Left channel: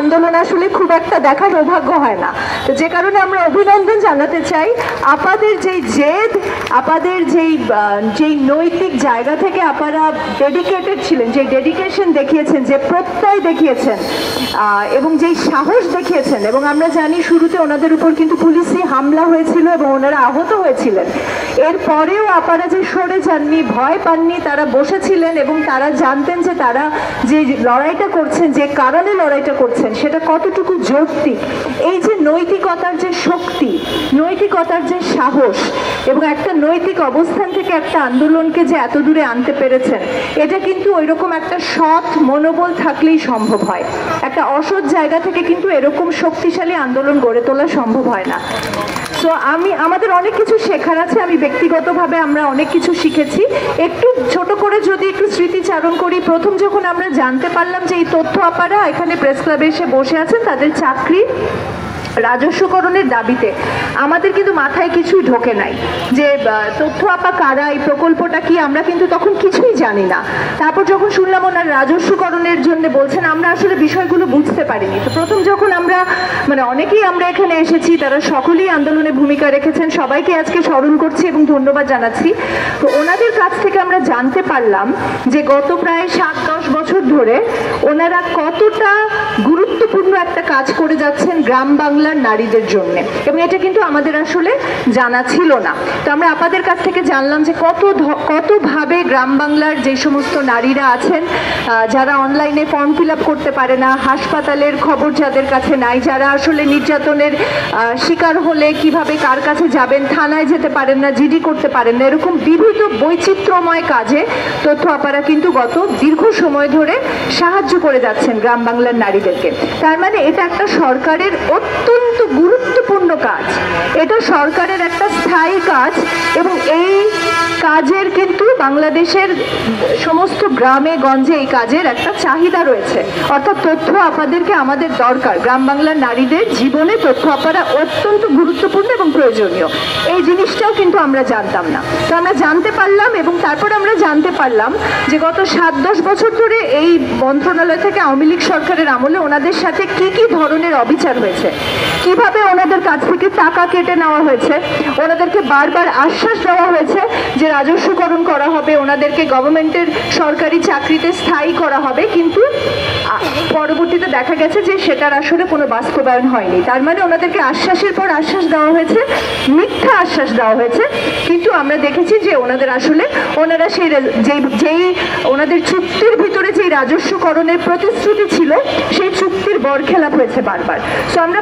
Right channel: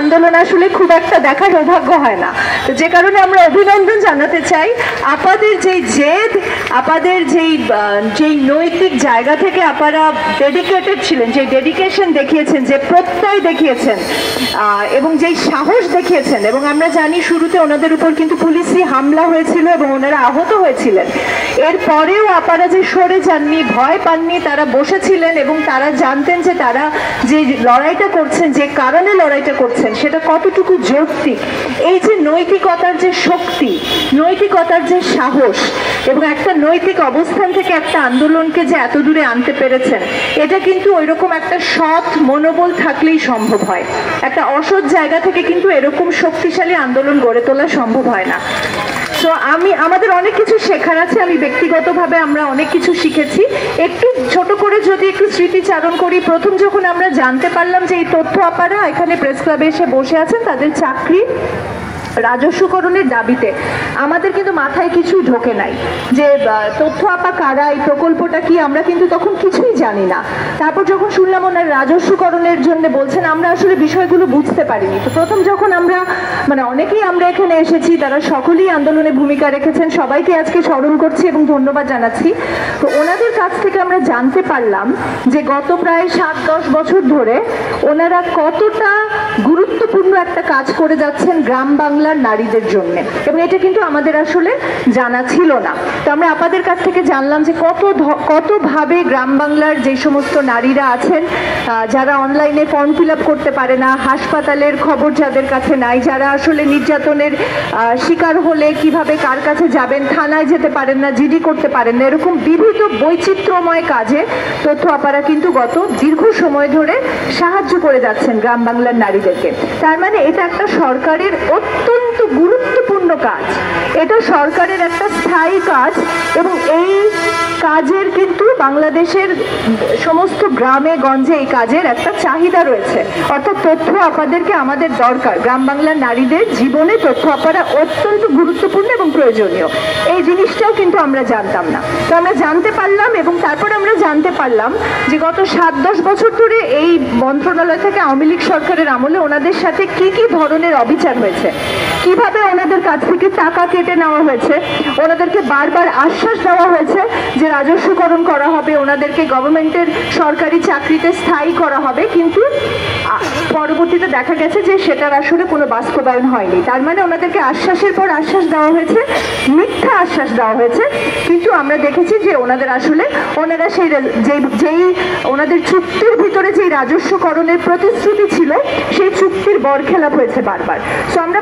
আন্দোলন আসলে খুব একটা দেখার সৌভাগ্য হয় না, যে কারণে আমরা অভিনন্দন জানাতে চাই আপাদের যেই জেদ, আপাদের যেই নৈতিক জায়গা থেকে আপনারা ডেডিকেটেড ছিলেন, যে ডেডিকেশন দেখিয়েছেন, যে প্রত্যয় দেখিয়েছেন এবং যেই সাহস দেখিয়েছেন। এবং আমরা জানি শুরুতে ওনাদের উপর কিন্তু পুলিশি হামলা হয়েছিল এবং ওনারা আহত হয়েছিলেন। এরপরেও আপনারা যে সরে যাননি, ভয় পাননি, তারা বসেছিলেন এবং তারা জানতেন যে তারা যে লড়াইটা করছেন, যে কারণে লড়াইটা করছেন সেটা কতটুকু যৌক্তিক। এই যে নৈতিকতার যে শক্তি, নৈতিকতার যে সাহস এবং একটা নৈতিক অবস্থান থেকে একটা আন্দোলনকে যে এত দূরে আনতে পেরেছেন, এটা কিন্তু ওইরকম একটা সৎ মনোবল থাকলেই সম্ভব হয়। একটা অসৎ জায়গা থেকে কিন্তু এরকম শক্তিশালী আন্দোলন গড়ে তোলা সম্ভব হয় না। তো আমাদের অনেক কিছু শেখার আছে। আমি ব্যক্তিগতভাবে আমরা অনেক কিছু শিখেছি। একটু ছোট করে যদি একটু স্মৃতিচারণ করি, প্রথম যখন আমরা জানতে পারলাম যে এই তথ্য আপারা এখানে প্রেস ক্লাবে এসে বসে আছেন তাদের চাকরি রাজস্বকরণের দাবিতে, আমাদের কিন্তু মাথায় কিছুই ঢোকে নাই যে তথ্য আপা কারা, এই প্রকল্পটা কি, আমরা কিন্তু তখন কিছুই জানি না। তারপর যখন শুনলাম ওনার রাজস্বকরণের জন্য বলছেন, আমরা আসলে বিষয়গুলো বুঝতে পারিনি। তো প্রথম যখন আমরা অনেকেই আমরা এখানে এসেছি, তারা সকলেই আন্দোলনে ভূমিকা রেখেছেন, সবাইকে আজকে স্মরণ করছি এবং ধন্যবাদ জানাচ্ছি। তো ওনাদের কাছ থেকে আমরা জানতে পারলাম যে গত প্রায় 7-10 বছর ধরে ওনারা কতটা গুরুত্বপূর্ণ একটা কাজ করে যাচ্ছেন গ্রাম বাংলার নারীদের জন্য, এবং এটা কিন্তু আমাদের আসলে জানা ছিল না। তো আমরা আপনাদের কাছ থেকে জানলাম যে কতভাবে গ্রাম বাংলার যে সমস্ত নারীরা আছেন, যারা অনলাইনে ফর্ম ফিল আপ করতে পারে না, হাসপাতালের খবর যাদের কাছে নাই, যারা আসলে নির্যাতনের শিকার হলে কিভাবে কার কাছে যাবেন, থানায় যেতে পারেন না, জিডি করতে পারেন না, এরকম বিভিন্ন বৈচিত্র্যময় কাজে তথ্য আপারা কিন্তু গত দীর্ঘ সময় ধরে সাহায্য করে যাচ্ছেন গ্রাম বাংলার নারীদেরকে। তার মানে এটা একটা সরকারের অত্যন্ত গুরুত্বপূর্ণ কাজ, এটা সরকারের একটা স্থায়ী কাজ, এবং এই কাজের কিন্তু বাংলাদেশের সমস্ত গ্রামে গঞ্জে এই কাজের একটা চাহিদা রয়েছে। অর্থাৎ তথ্য আপাদেরকে আমাদের দরকার, গ্রাম বাংলার নারীদের জীবনে তথ্য আপারা অত্যন্ত গুরুত্বপূর্ণ এবং প্রয়োজনীয়। এই জিনিসটাও কিন্তু আমরা জানতাম না। তো আমরা জানতে পারলাম, এবং তারপর আমরা জানতে পারলাম যে গত 7-10 বছর ধরে এই মন্ত্রণালয় থেকে আওয়ামী লীগ সরকারের আমলে ওনাদের সাথে কি কি ধরনের অবিচার হয়েছে, কিভাবে ওনাদের কাছ থেকে টাকা কেটে নেওয়া হয়েছে, ওনাদেরকে বারবার আশ্বাস দেওয়া হয়েছে যে রাজস্বকরণ করা হবে, ওনাদেরকে গভর্নমেন্টের সরকারি চাকরিতে স্থায়ী করা হবে, কিন্তু পরবর্তীতে দেখা গেছে যে সেটার আসলে কোনো বাস্তবায়ন হয়নি। তার মানে ওনাদেরকে আশ্বাসের পর আশ্বাস দেওয়া হয়েছে, মিথ্যা আশ্বাস দেওয়া হয়েছে, কিন্তু আমরা দেখেছি যে ওনারা সেই যেই ওনাদের চুক্তির ভিতরে যেই রাজস্বকরণের প্রতিশ্রুতি ছিল সেই চুক্তির বরখেলাপ হয়েছে বারবার। তো আমরা